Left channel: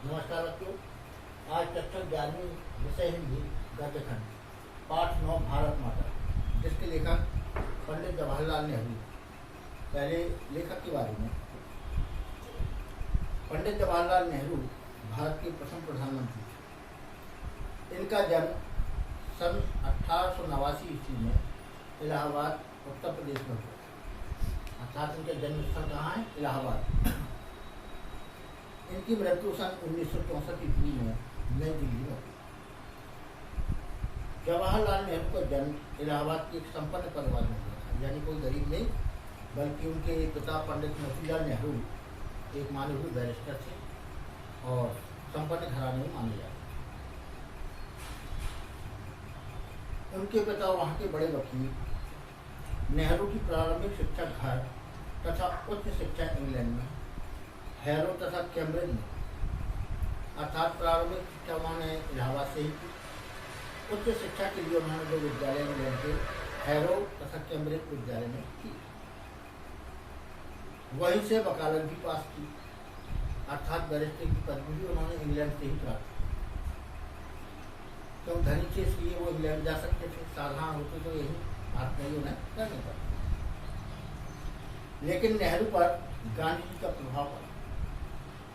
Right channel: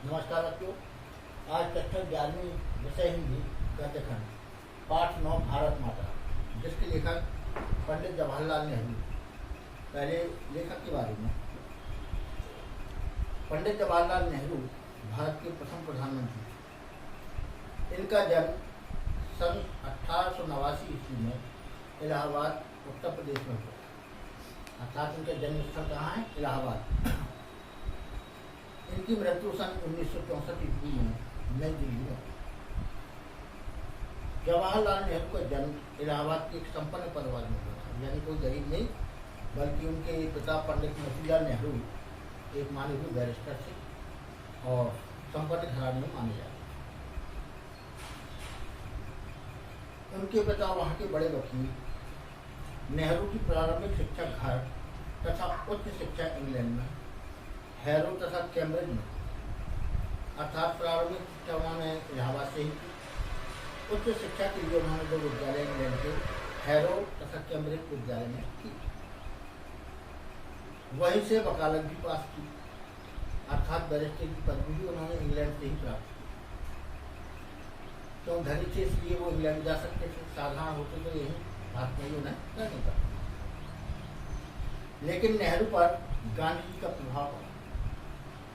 नमस्कार बच्चों। आज कक्षा 11वीं विषय हिंदी गद्य खंड पाठ 9 भारत माता, जिसके लेखक पंडित जवाहरलाल नेहरू। पहले लेखक के बारे में। पंडित जवाहरलाल नेहरू भारत के प्रथम प्रधानमंत्री थे। इनका जन्म सन 1889 ईस्वी में इलाहाबाद उत्तर प्रदेश में हुआ। अर्थात इनका जन्म स्थल कहाँ है? इलाहाबाद। इनकी मृत्यु सन 1964 ईस्वी में नई दिल्ली में हुई। जवाहरलाल नेहरू का जन्म इलाहाबाद के एक संपन्न परिवार में हुआ था, यानी कोई गरीब नहीं, बल्कि उनके पिता पंडित मोतीलाल नेहरू एक माने हुए बैरिस्टर थे और संपन्न घराने में माने जाते थे। उनके पिता वहाँ के बड़े वकील। नेहरू की प्रारंभिक शिक्षा घर तथा उच्च शिक्षा इंग्लैंड में, हैरो तथा कैम्ब्रिज में, अर्थात प्रारंभिक शिक्षा उन्होंने इलाहाबाद से ही की। उच्च शिक्षा के लिए उन्होंने दो विद्यालय इंग्लैंड के हैरो तथा कैम्ब्रिज विद्यालय में की। वहीं से वकालत भी पास की, अर्थात बैरिस्टर की पदवी भी उन्होंने इंग्लैंड से ही प्राप्त की। क्यों? धनी थे इसलिए वो इंग्लैंड जा सकते थे, साधारण होते तो यही बात नहीं उन्हें करनी पड़ती। लेकिन नेहरू पर गांधी जी का प्रभाव पड़ा।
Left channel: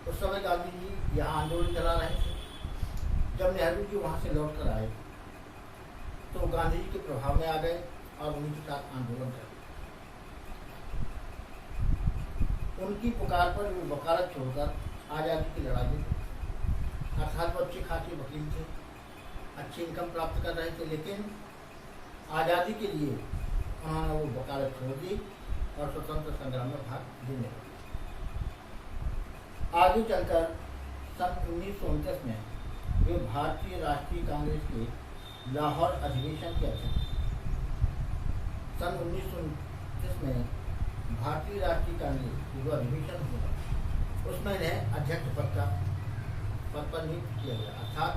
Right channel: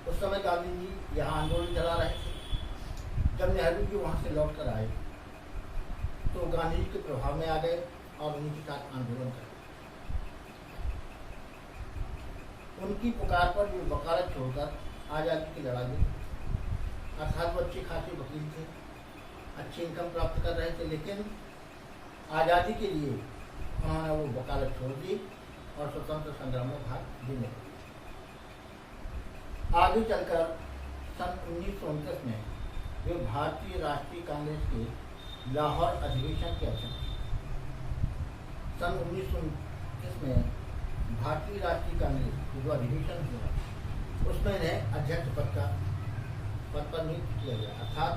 उस समय गांधी जी यहाँ आंदोलन चला रहे थे। जब नेहरू जी वहाँ से लौट कर आए तो गांधी जी के प्रभाव में आ गए और उन्हीं के साथ आंदोलन कर दिया। उनकी पुकार पर वो वकालत छोड़कर आज़ादी की लड़ाई में, अर्थात वो अच्छे खासे वकील थे, अच्छी इनकम प्राप्त कर रहे थे, लेकिन आज़ादी के लिए उन्होंने वो वकालत छोड़ दी और स्वतंत्र संग्राम में भाग लेने लगे। आगे चलकर सन 1929 में वे भारतीय राष्ट्रीय कांग्रेस के लाहौर अधिवेशन के अध्यक्ष। सन 1929 में भारतीय राष्ट्रीय कांग्रेस के जो अधिवेशन हुआ उसमें इन्हें अध्यक्ष पद पर नियुक्त किया गया, अर्थात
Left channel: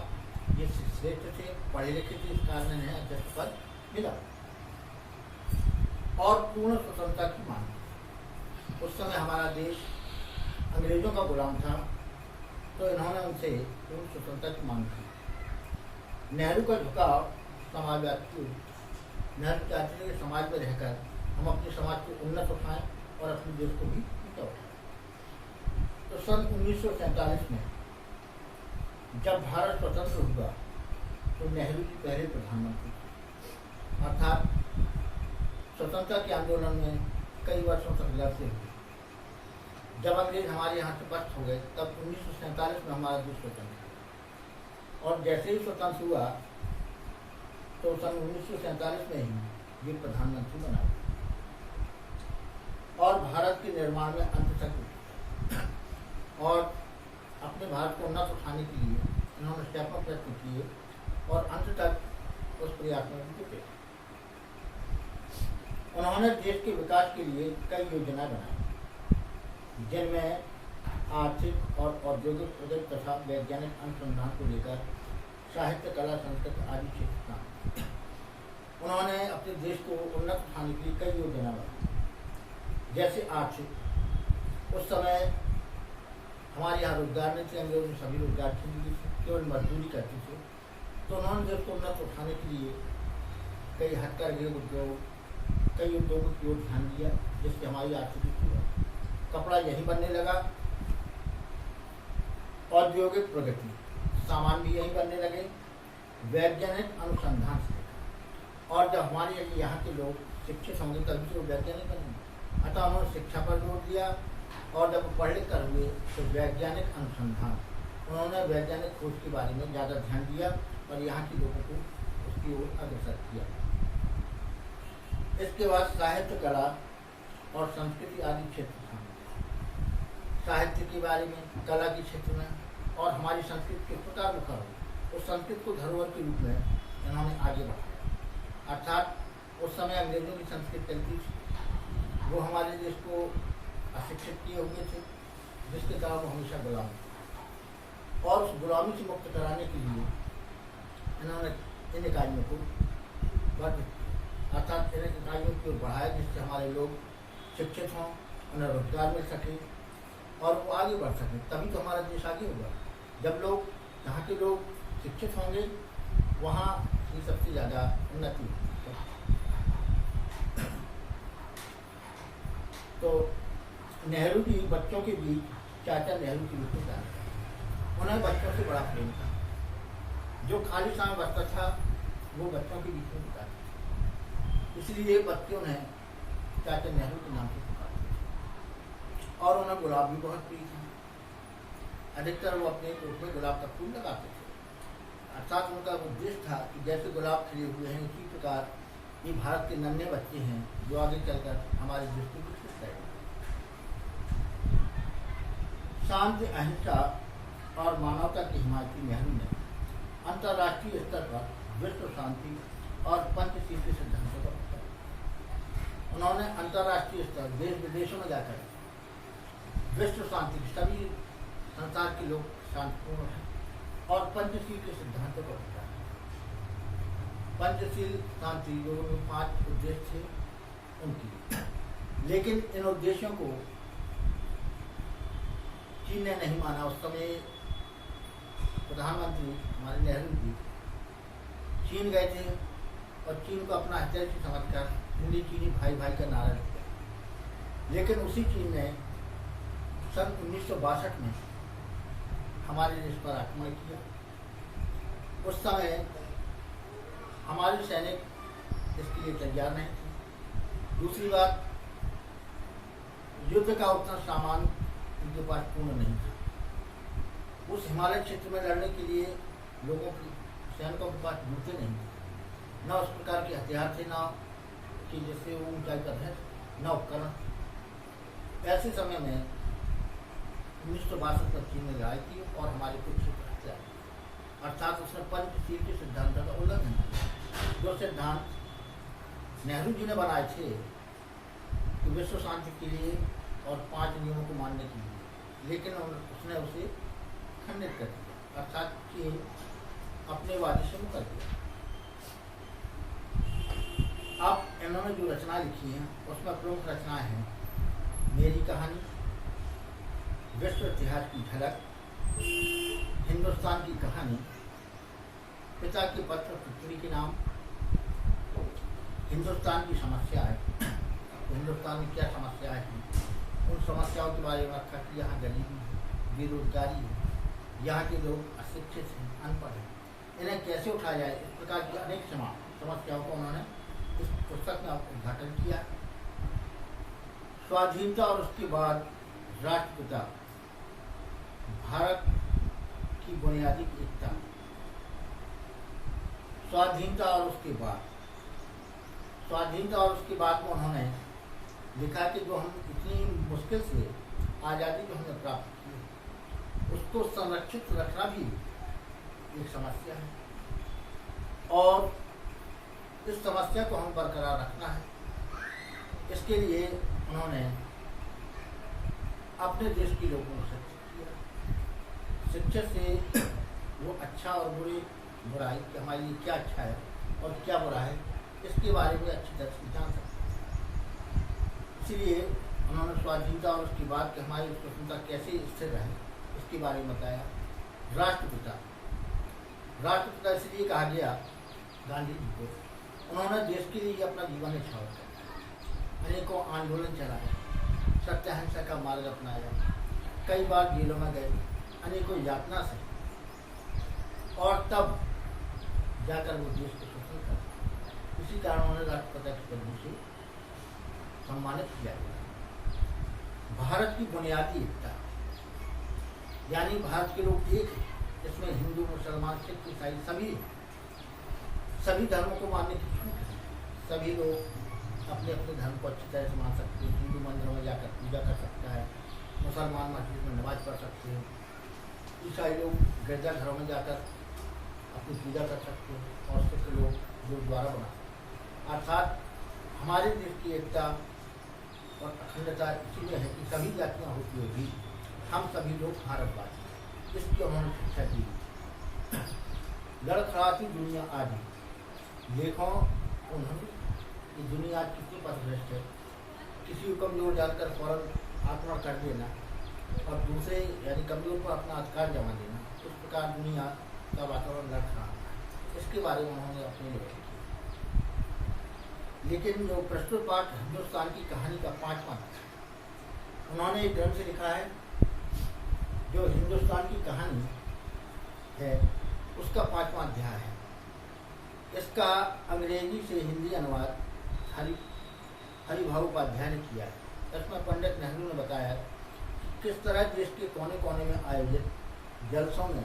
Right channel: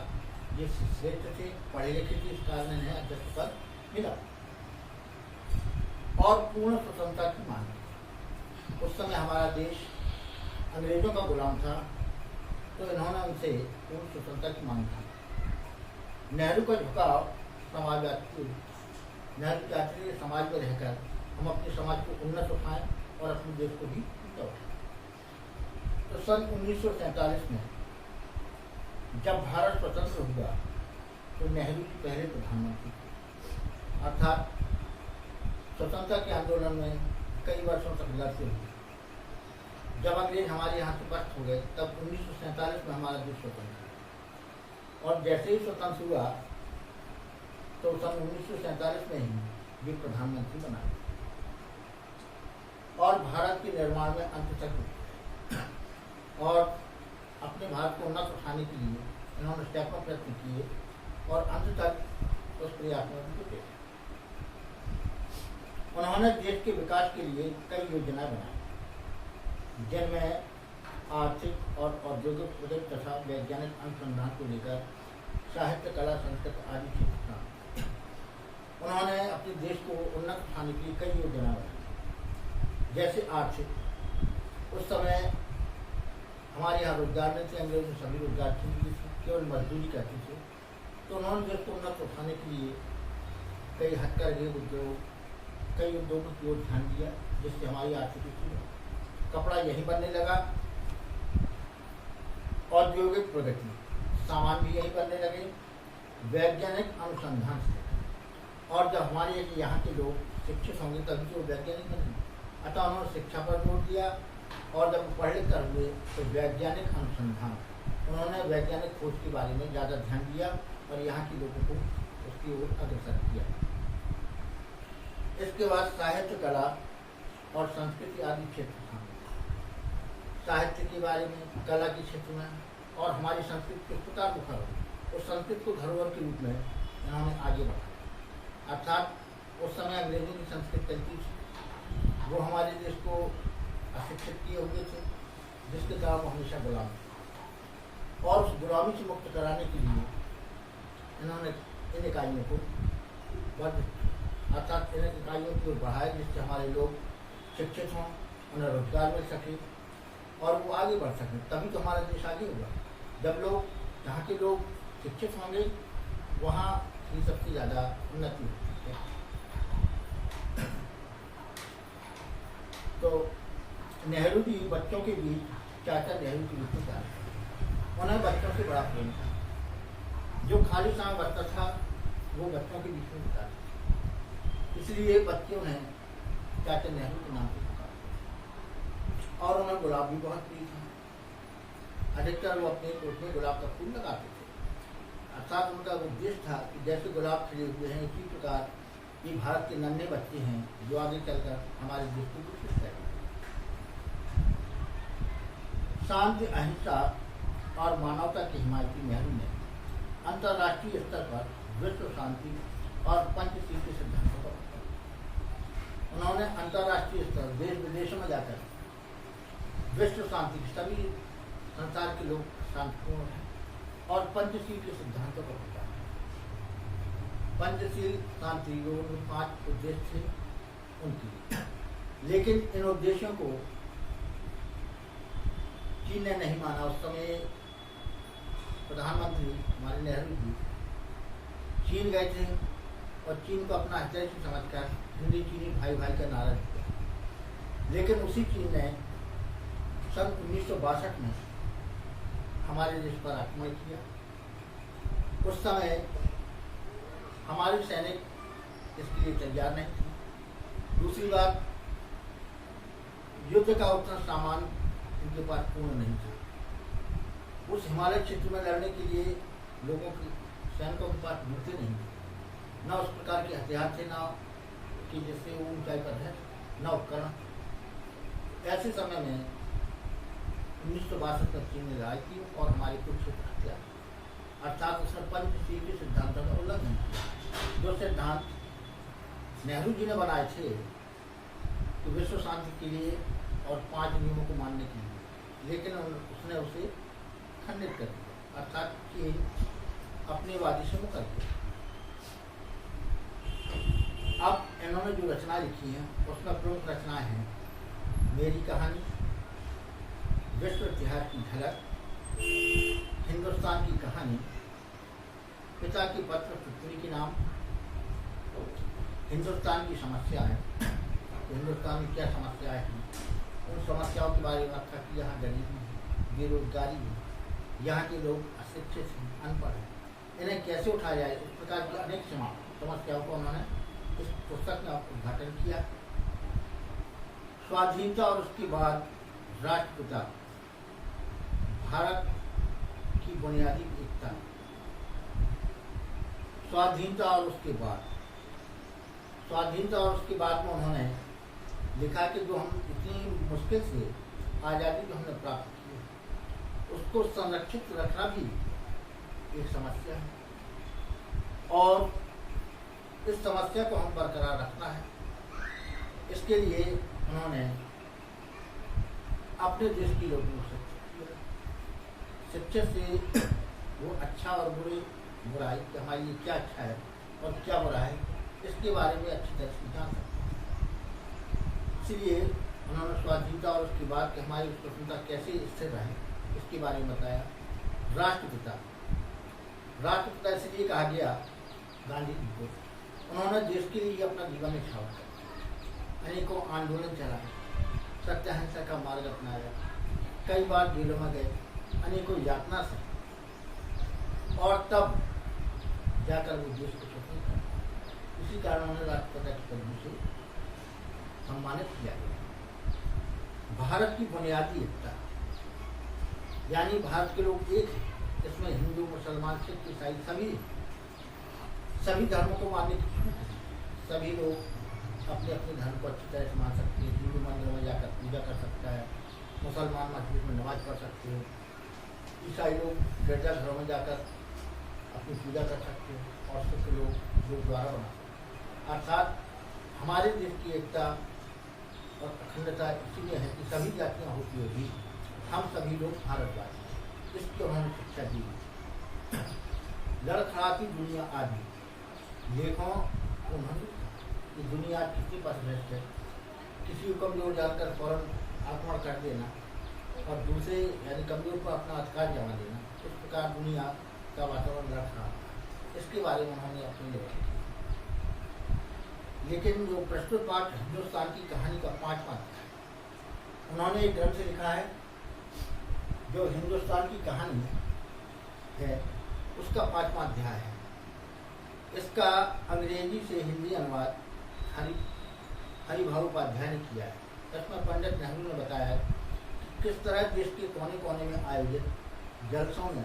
ये श्रेष्ठ थे, पढ़े लिखे थे, इस कारण इन्हें अध्यक्ष पद मिला और पूर्ण स्वतंत्रता की मांग की। उस समय हमारा देश अंग्रेजों का गुलाम था, तो इन्होंने उनसे पूर्ण स्वतंत्रता की मांग की। नेहरू का झुकाव समाजवाद की ओर। नेहरू चाहते थे समाज में रहकर हम अपने समाज को उन्नत उठाएं और अपने देश को भी ऊंचा उठाएं। तो सन 1947 में जब भारत स्वतंत्र हुआ तो नेहरू जी पहले प्रधानमंत्री थे, अर्थात स्वतंत्रता के आंदोलन में कई वर्षों तक लड़ते हुए। जब अंग्रेज हमारे यहाँ से पस्त हो गए तब 1947 में हमारा देश स्वतंत्र हुआ और जैसे ही स्वतंत्र हुआ तो सन 1947 में ही वे प्रधानमंत्री बनाए और भारत के निर्माण में अंत तक और अपने भारत को उन्नत उठाने के लिए इन्होंने सैकड़ों प्रयत्न किए और अंत तक उस प्रयास में जुटे। उन्होंने देश के विकास के लिए कई योजनाएं बनाई, जिनमें आर्थिक और औद्योगिक प्रगति तथा वैज्ञानिक अनुसंधान को लेकर साहित्य, कला, संस्कृत आदि क्षेत्र था। उन्होंने अपने देश को उन्नत उठाने के लिए कई योजनाएं बनाई, जैसे आर्थिक। उस समय हमारे यहाँ रोजगार नहीं थे, अंग्रेजों ने सभी रोजगार छीन लिए थे, केवल मजदूरी करते थे। तो उन्होंने देश को उन्नत उठाने के लिए कई हथकरघे उद्योग, कई उद्योगों की ओर ध्यान दिया, जिससे हमारी आर्थिक स्थिति बढ़ी। कपड़ा यहीं बनने लगा, औद्योगिक प्रगति, सामान भी यहीं बनने लगे, वैज्ञानिक अनुसंधान से। और जब हमारे यहाँ के लोग शिक्षित होंगे तभी तो वैज्ञानिक बनेंगे। अतः उन्होंने शिक्षा पर जोर दिया और जब पढ़ लिख कर हुए तो वैज्ञानिक अनुसंधान, उन्होंने वैज्ञानिक खोज के बारे में ज़्यादा ध्यान दिया और यहाँ के लोगों को उसकी ओर अग्रसर किया। इसके बाद साहित्य, कला और संस्कृति आदि क्षेत्र था। साहित्य के बारे में, कला के क्षेत्र में और हमारी संस्कृति किस प्रकार मुखर हो, उस संस्कृत को धरोहर के रूप में इन्होंने आगे बढ़ाया। अर्थात उस समय अंग्रेजों की संस्कृति चलती थी, वो हमारे देश को अशिक्षित किए हुए थे, जिसके कारण वो हमेशा गुलाम थे। और उस गुलामी से मुक्त कराने के लिए इन्होंने इन इकाइयों को वर्धित किया, अर्थात इन इकाइयों की ओर बढ़ाया, जिससे हमारे लोग शिक्षित हों, उन्हें रोजगार मिल सके और वो आगे बढ़ सके, तभी तो हमारा देश आगे होगा। जब लोग यहाँ के लोग शिक्षित होंगे वहाँ ही सबसे ज़्यादा उन्नति होगी। तो नेहरू जी बच्चों के बीच चाचा नेहरू की विशेषता है, उन्हें बच्चों से बड़ा प्रेम था। जो खाली समय बचता था वो बच्चों के बीच में बिताते थे, इसलिए बच्चों ने चाचा नेहरू के नाम से पुकारा। और उन्हें गुलाब भी बहुत प्रिय था। अधिकतर वो अपने कोट में गुलाब का फूल लगाते थे। अर्थात उनका उद्देश्य था कि जैसे गुलाब खिले हुए हैं उसी प्रकार ये भारत के नन्हे बच्चे हैं जो आगे चलकर हमारे देश को विकसित करेंगे। शांति, अहिंसा और मानवता की हिमायती नेहरू ने अंतर्राष्ट्रीय स्तर पर विश्व शांति और पंचशील के सिद्धांतों पर उन्होंने अंतर्राष्ट्रीय स्तर देश विदेशों में जाकर विश्व शांति की, सभी संसार के लोग शांतिपूर्ण हैं और पंचशील के सिद्धांतों पर बताया। पंचशील शांति जो 5 उद्देश्य थे उनकी, लेकिन इन उद्देश्यों को चीन ने नहीं माना। उस समय प्रधानमंत्री हमारे नेहरू जी चीन गए थे और चीन को अपना हथियार से समझकर हिंदी चीनी भाई भाई का नारा दिया। लेकिन उसी चीन ने सन 1962 में हमारे देश पर आक्रमण किया। उस समय हमारे सैनिक इसके लिए तैयार नहीं थे। दूसरी बात, युद्ध का उतना सामान उनके पास पूर्ण नहीं था। उस हिमालय क्षेत्र में लड़ने के लिए लोगों की, सैनिकों के पास जूते नहीं थे, न उस प्रकार के हथियार थे, न कि जिससे वो ऊंचाई पर है, न उपकरण। ऐसे समय में 1962 में चीन ने लड़ाई की और हमारे कुछ क्षेत्र हथियार, अर्थात उसने पंचशील के सिद्धांतों का उल्लंघन किया। जो सिद्धांत नेहरू जी ने बनाए थे कि विश्व शांति के लिए और 5 नियमों को मानने के लिए, लेकिन उसने उसे खंडित कर दिया, अर्थात चीन अपने वादे से मुकर गया। अब इन्होंने जो रचना लिखी हैं उसमें प्रमुख रचनाएं हैं मेरी कहानी, विश्व इतिहास की झलक, हिंदुस्तान की कहानी, पिता के पत्र पुत्री के नाम, हिंदुस्तान की समस्याएं, हिंदुस्तान में क्या समस्याएं हैं, उन समस्याओं के बारे में व्याख्या की। यहाँ गरीबी है, बेरोजगारी है, यहाँ के लोग अशिक्षित हैं, अनपढ़ हैं, इन्हें कैसे उठाया जाए, इस प्रकार की अनेक समस्याओं को उन्होंने इस पुस्तक में उद्घाटन किया। स्वाधीनता और उसके बाद राष्ट्रपिता, भारत की बुनियादी एकता, स्वाधीनता और उसके बाद में उन्होंने लिखा कि जो हम इतनी मुश्किल से आज़ादी जो हमने प्राप्त की है उसको संरक्षित रखना भी एक समस्या है और इस समस्या को हम बरकरार रखना है। इसके लिए उन्होंने अपने देश के लोगों को शिक्षित किया। शिक्षित से वो अच्छा और बुराई कि हमारे लिए क्या अच्छा है और क्या बुरा है, इसके बारे में अच्छी तरह से जान सकते हैं। इसलिए उन्होंने स्वाधीनता और उसके बाद कि हमारी स्वतंत्रता कैसे स्थिर रहे उसके बारे में बताया। राष्ट्रपिता इसलिए कहा गया गांधी जी को, उन्होंने देश के लिए अपना जीवन न्यौछावर किया, अनेकों आंदोलन चलाए, सत्य अहिंसा का मार्ग अपनाया, कई बार जेलों में गए, अनेकों यातना से, और तब जाकर वो देश को स्वतंत्र कर। इसी कारण उन्हें राष्ट्रपिता की पदवी से सम्मानित किया गया। भारत की बुनियादी एकता, यानी भारत के लोग एक हैं, इसमें हिंदू, मुसलमान, सिख, ईसाई सभी धर्मों को मानने की छूट है। सभी लोग अपने अपने धर्म को अच्छी तरह से मान सकते हैं। हिंदू मंदिरों में जाकर पूजा कर सकता है, मुसलमान मस्जिद में नमाज पढ़ सकते हैं, ईसाई लोग गिरजाघरों में जाकर अपनी पूजा कर सकते हैं और सिख लोग गुरुद्वारा बना सकते हैं। अर्थात हमारे देश की एकता और अखंडता इसीलिए है कि सभी जातियाँ होती हुई भी हम सभी लोग भारतवासी, इसकी उन्होंने शिक्षा दी। लड़खड़ाती दुनिया आदि देखो उन्होंने कि दुनिया कितनी पथभ्रष्ट है, किसी को कमजोर जानकर फौरन आक्रमण कर देना, और दूसरे यानी कमजोर पर अपना अधिकार जमा देना, इस प्रकार दुनिया का वातावरण लड़ रहा है। इसके बारे में उन्होंने अपनी लिखी। लेकिन जो प्रस्तुत पाठ हिंदुस्तान की कहानी का 5वां उन्होंने एक ग्रंथ से लिखा है, जो हिंदुस्तान की कहानी है उसका 5वां अध्याय है। इसका अंग्रेजी से हिंदी अनुवाद हरिभाऊ उपाध्याय ने किया है। इसमें पंडित नेहरू ने बताया कि किस तरह देश के कोने कोने में आयोजित जलसों में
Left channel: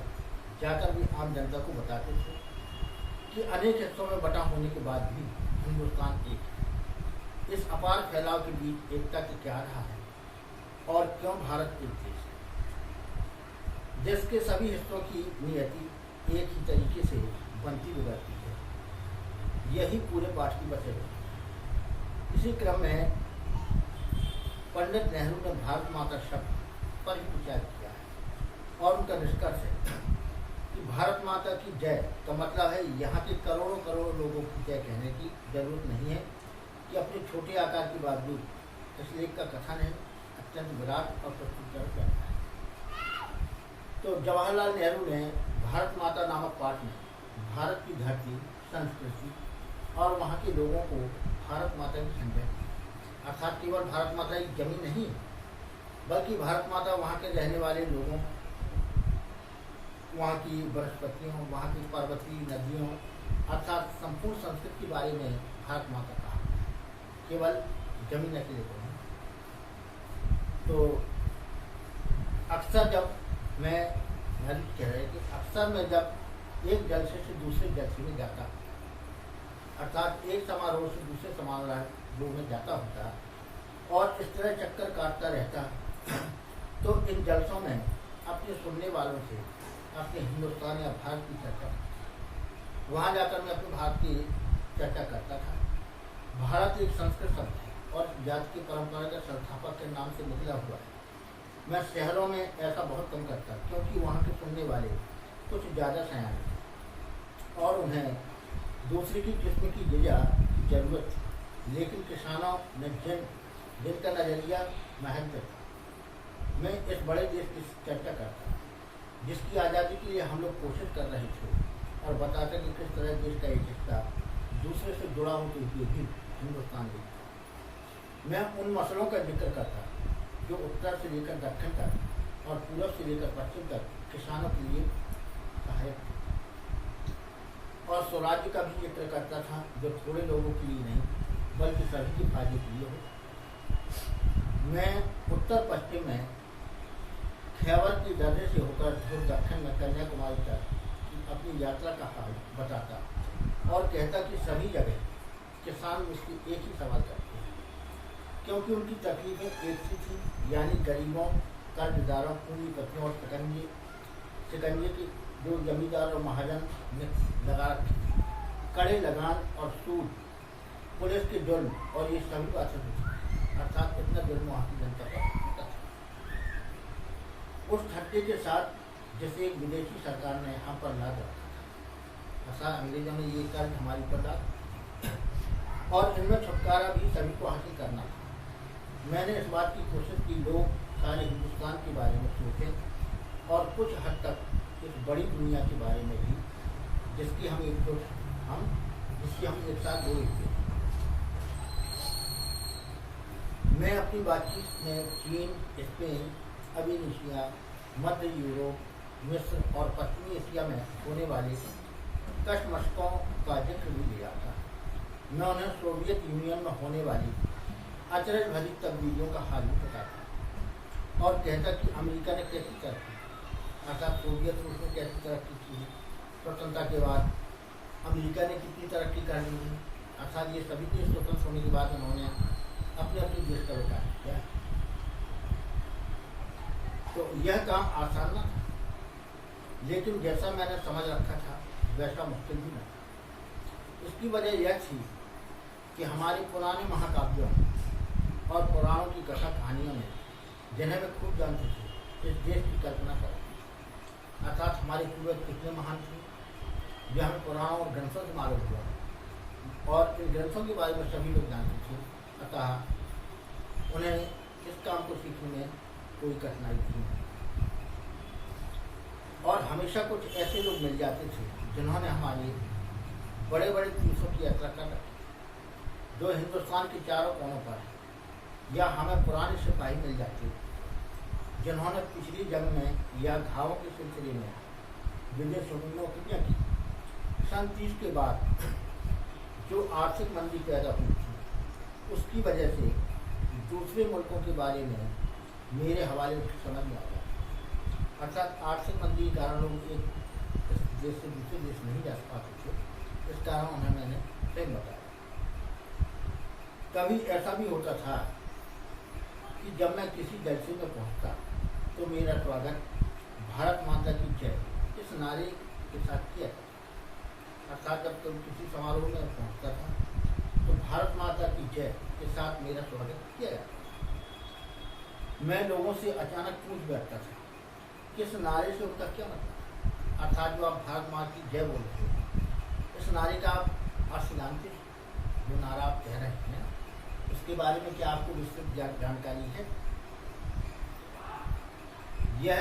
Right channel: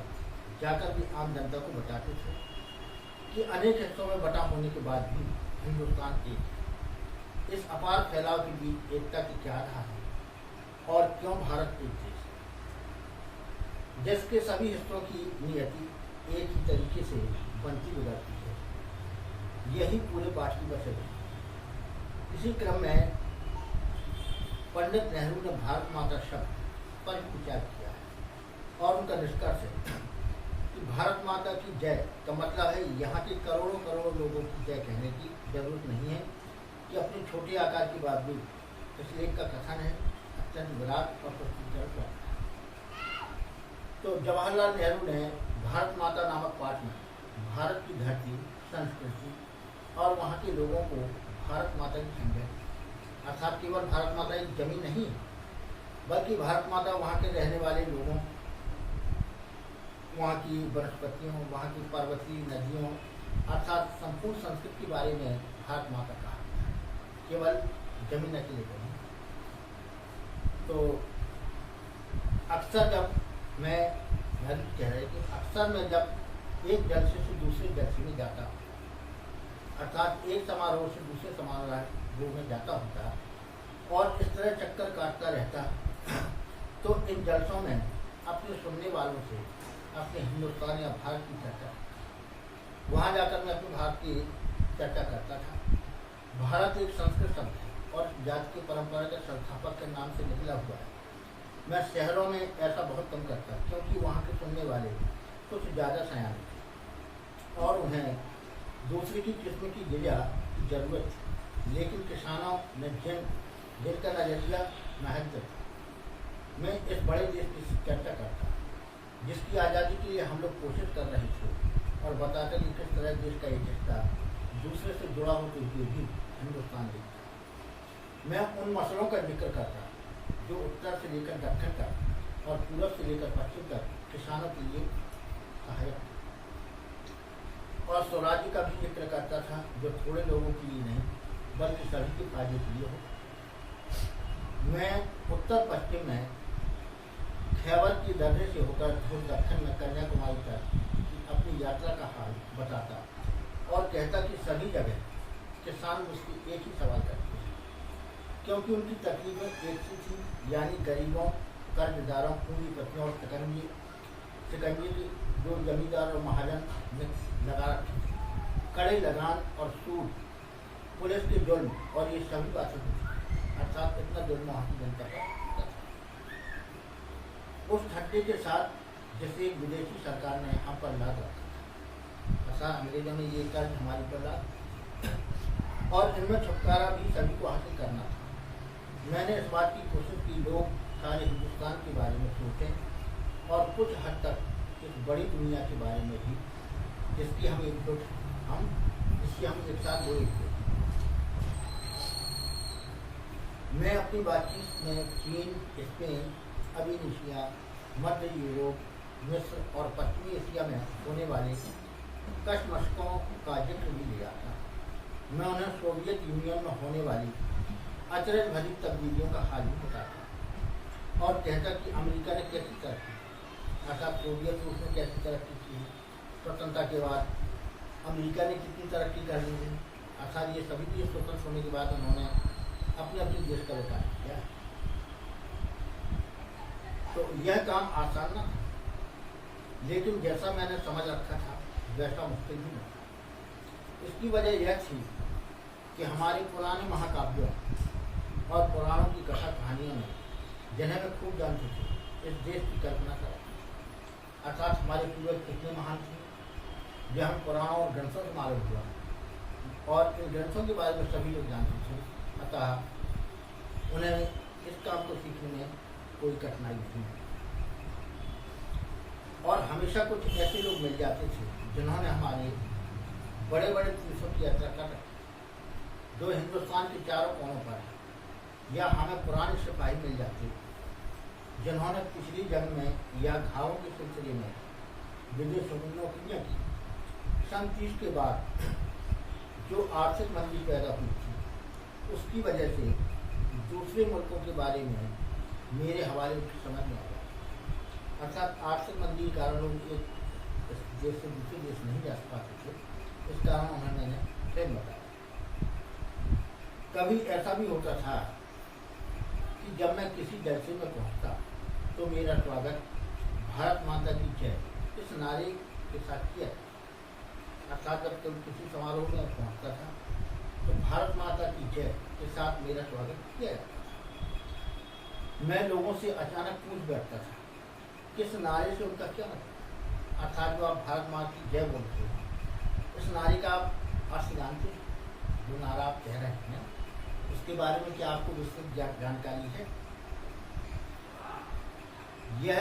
जाकर भी आम जनता को बताते थे कि अनेक हिस्सों में बटा होने के बाद भी हिंदुस्तान एक है। इस अपार फैलाव के बीच एकता की क्या राह है और क्यों भारत एक देश है जिसके सभी हिस्सों की नियति एक ही तरीके से बनती बिगड़ती है। यही पूरे पाठ की वजह है। इसी क्रम में पंडित नेहरू ने भारत माता शब्द पर ही विचार किया है और उनका निष्कर्ष है कि भारत माता की जय का मतलब है यहाँ के करोड़ों करोड़ों लोगों की जय कहने की जरूरत नहीं है कि अपने छोटे आकार के बावजूद इस लेख का कथन है अत्यंत विराट और प्रस्तुतिकरण करता है। तो जवाहरलाल नेहरू ने भारत माता नामक पाठ में भारत की धरती, संस्कृति और वहाँ के लोगों को भारत माता की संजय, अर्थात केवल भारत माता की जमीन नहीं बल्कि भारत माता वहाँ के रहने वाले लोगों, वहाँ की वनस्पतियों, वहाँ की पर्वतीय नदियों अर्थात संपूर्ण संस्कृति के बारे में भारत माता कहा, केवल जमीन अकेले को नहीं। तो अक्सर जब मैं कह रहे कि अक्सर मैं जब एक जलसे से दूसरे जलसे में जाता, अर्थात एक समारोह से दूसरे समारोह में जाता होता और इस तरह चक्कर काटता रहता, तो इन जलसों में अपने सुनने वालों से अपने हिंदुस्तान या भारत की चर्चा, वहाँ जाकर मैं अपने भारत की चर्चा करता था। भारत एक संस्कृत शब्द है और जाति की परंपरा के संस्थापक के नाम से निकला हुआ है। मैं शहरों में ऐसा बहुत कम करता क्योंकि वहाँ के सुनने वाले कुछ ज़्यादा सयाने थे और उन्हें दूसरे की किस्म की गिजा की जरूरत थी। लेकिन किसानों ने जिनका नजरिया महत्व था, मैं इस बड़े देश की चर्चा करता जिसकी आज़ादी के लिए हम लोग कोशिश कर रहे थे और बताते कि किस तरह देश का एक हिस्सा दूसरे से जुड़ा होते हुए भी हिंदुस्तान एक था। मैं उन मसलों का जिक्र करता जो उत्तर से लेकर दक्षिण तक और पूरब से लेकर पश्चिम तक किसानों के लिए सहायक थे और स्वराज्य का भी जिक्र करता था जो थोड़े लोगों के लिए नहीं बल्कि सभी के फायदे के लिए हो। मैं उत्तर पश्चिम में खैबर की दर्रे से होकर धुर दक्षिण में कन्याकुमारी तक अपनी यात्रा का हाल बताता और कहता कि सभी जगह किसान मुझसे एक ही सवाल करते हैं क्योंकि उनकी तकलीफें एक सी थी, यानी गरीबों, कर्जदारों, पूंजीपतियों और शिकंजे की जो जमींदार और महाजन ने लगा रखी थी, कड़े लगान और सूद, पुलिस के जुल्म और ये सभी बातें थी। अर्थात इतना जुल्म वहाँ की जनता का होता था। उस ठट्टे के साथ जैसे एक विदेशी सरकार ने यहाँ पर लाद रखा था, ऐसा अंग्रेजों ने ये कर्ज हमारे ऊपर लाद और इनमें छुटकारा भी सभी को हासिल करना था। मैंने इस बात की कोशिश की लोग सारे हिंदुस्तान के बारे में सोचें और कुछ हद तक इस बड़ी दुनिया के बारे में भी जिसकी हम एक साथ दो हिस्से। मैं अपनी बातचीत में चीन, स्पेन, अबीनेशिया, मध्य यूरोप, मिस्र और पश्चिमी एशिया में होने वाले कशमकशों का जिक्र भी लिया था। मैं उन्हें सोवियत यूनियन में होने वाली अचरज भरी तब्दीलियों का हाल भी बताता और कहता कि अमेरिका ने कैसी तरक्की, अर्थात सोवियत रूस ने कैसी तरक्की की, स्वतंत्रता के बाद अमेरिका ने कितनी तरक्की कर ली है, अर्थात ये सभी देश स्वतंत्र होने के बाद उन्होंने अपने अपने देश का विकास किया। तो यह काम आसान न था, लेकिन जैसा मैंने समझ रखा था वैसा मुश्किल भी न था। इसकी वजह यह थी कि हमारे पुराने महाकाव्यों और पुराणों की कथा कहानियों में जिन्हें मैं खूब जानते थे, इस देश की कल्पना करा, अर्थात हमारे पूर्वज कितने महान थे यह हमें पुराणों और ग्रंथों से मालूम हुआ और इन ग्रंथों के बारे में सभी लोग जानते थे। अतः उन्हें इस काम को सीखने में कोई कठिनाई नहीं है। और हमेशा कुछ ऐसे लोग मिल जाते थे जिन्होंने हमारे बड़े बड़े तीर्थों की यात्रा कर रखी, जो हिंदुस्तान के चारों कोनों पर है। या हमें पुराने सिपाही मिल जाते जिन्होंने पिछली जंग में या घावों के सिलसिले में विदेशों में नौकरियाँ की। सन 30 के बाद जो आर्थिक मंदी पैदा हुई थी, उसकी वजह से दूसरे मुल्कों के बारे में मेरे हवाले उनकी समझ में आ गया। अर्थात आर्थिक मंदी के कारण लोग एक देश से दूसरे देश नहीं जा पाते थे। इस कारण उन्हें मैंने फिर बताया। कभी ऐसा भी होता था कि जब मैं किसी जलसे में पहुंचता तो मेरा स्वागत भारत माता की जय इस नारे के साथ किया। अर्थात जब तुम किसी समारोह में पहुंचता था तो भारत माता की जय के साथ मेरा स्वागत किया जाता। मैं लोगों से अचानक पूछ बैठता था किस नारे से उनका क्या मतलब। अर्थात जो आप भारत माता की जय बोलते हो, इस नारे का आप अर्थ जानते हैं? जो नारा आप कह रहे हैं उसके बारे में क्या आपको विस्तृत जानकारी है? यह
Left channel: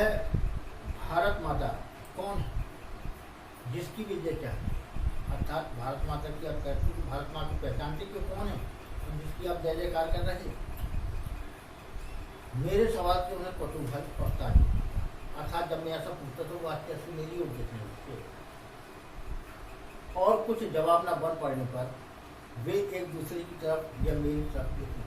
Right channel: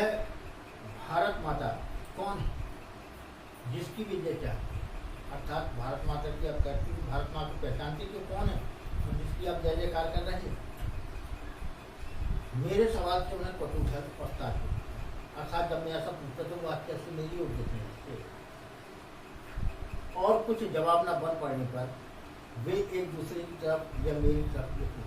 भारत माता कौन है जिसकी भी जय चाहते हैं? अर्थात भारत माता की आप कहते हैं, भारत माता को पहचानते कि कौन है तो जिसकी आप जय जयकार कर रहे हैं? मेरे सवाल से उन्हें कटुभर पड़ता है। अर्थात जब मैं ऐसा पूछता तो वाक्य से मेरी उद्देश्य नहीं थे। और कुछ जवाब न बन पड़ने पर वे एक दूसरे की तरफ या मेरी तरफ देखते।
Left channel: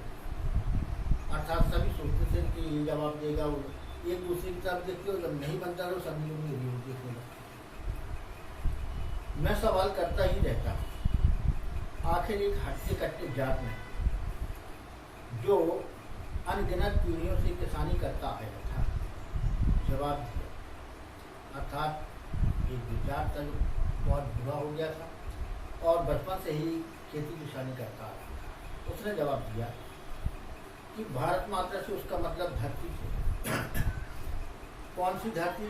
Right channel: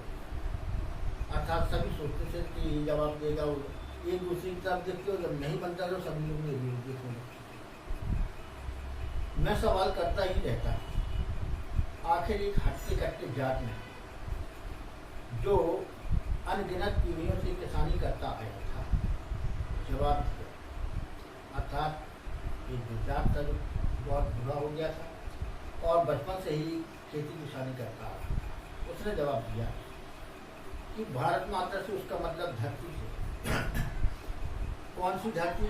अर्थात सभी सोचते थे कि ये जवाब देगा, वो एक दूसरे की तरफ देखते हो। जब नहीं बनता तो सभी लोग मेरी ओर देखने लगते। मैं सवाल करता ही रहता। आखिर एक हटते कट्टे जाट में जो अनगिनत पीढ़ियों से किसानी करता आया था जवाब दिया। अर्थात एक जो जाट था जो बहुत बुरा हो गया था और बचपन से ही खेती किसानी करता आ रहा था, उसने जवाब दिया कि भारत माता से उसका मतलब धरती से। कौन सी धरती?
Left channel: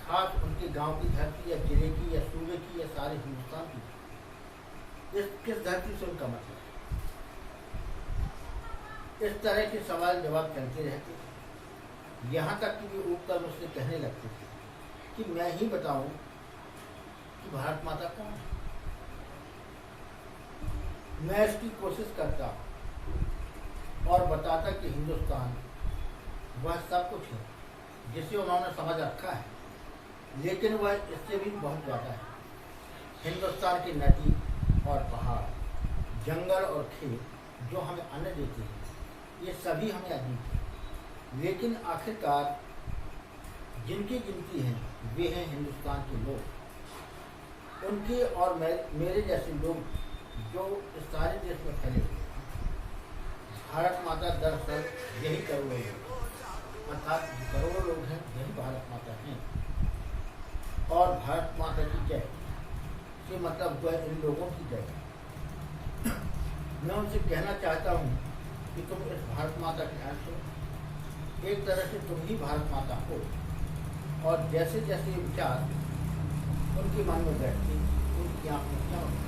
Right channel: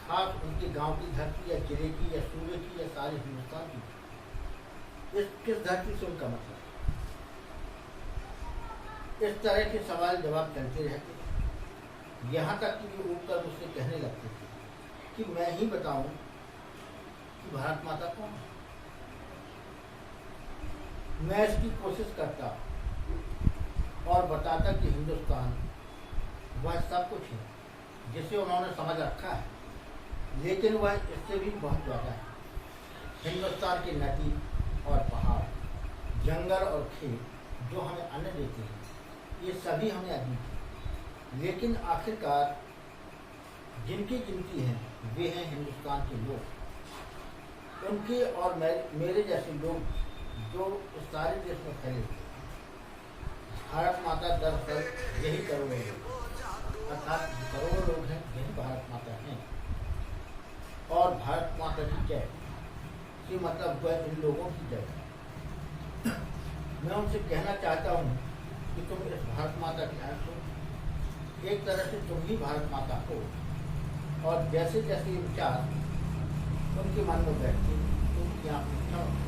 खास उनके गांव की धरती या जिले की या सूबे की या सारे हिंदुस्तान की? इस किस धरती से उनका मतलब? इस तरह के सवाल जवाब चलते रहते, यहाँ तक कि वे ऊपर मुझसे कहने लगते थे कि मैं ही बताऊं कि भारत माता कौन है। मैं इसकी कोशिश करता और बताता कि हिंदुस्तान वह सब कुछ है जिसे उन्होंने समझ रखा है, लेकिन वह इससे भी बहुत ज़्यादा है। हिंदुस्तान की नदी और पहाड़, जंगल और खेत जो हमें अन्न देते हैं, ये सभी हमें अजीब है। लेकिन आखिरकार जिनकी गिनती है वे हैं हिंदुस्तान के लोग। उनके और मेरे जैसे लोग जो इस सारे देश में फैले हुए हैं। भारत माता दरअसल यही करोड़ों लोग, अर्थात करोड़ों लोग हैं, यही भारत माता हैं। और भारत माता की जय से मतलब वह इन लोगों की जय। मैं उनसे कहना चाहता हूँ कि तुम इस भारत माता के अंश हो। एक तरह से तुम ही भारत माता हो। और जैसे जैसे ये विचार उनके मन में बैठते, उनकी आँख में चमकते,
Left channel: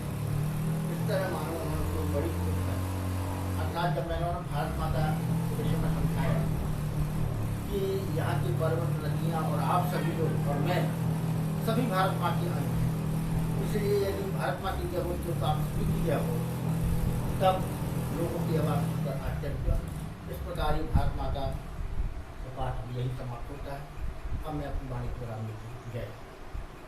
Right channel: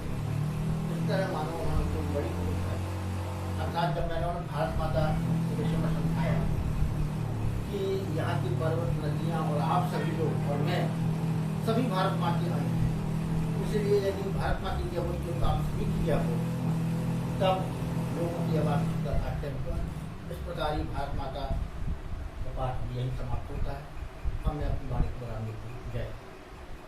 इस तरह मानो उन्होंने कोई बड़ी खोज कर। अर्थात जब मैंने उन्हें भारत माता के विषय में समझाया कि यहाँ की पर्वत, नदियाँ और आप सभी लोग और मैं सभी भारत माँ के अंश हैं, इसलिए यदि भारत माँ की जय होती हो तो आप सभी की जय हो, तब लोगों की आवाज़ सुनकर आश्चर्य हुआ। इस प्रकार ही भारत माता का पाठ यही समाप्त होता है। अब मैं अपनी वाणी को विराम देती हूँ। जय।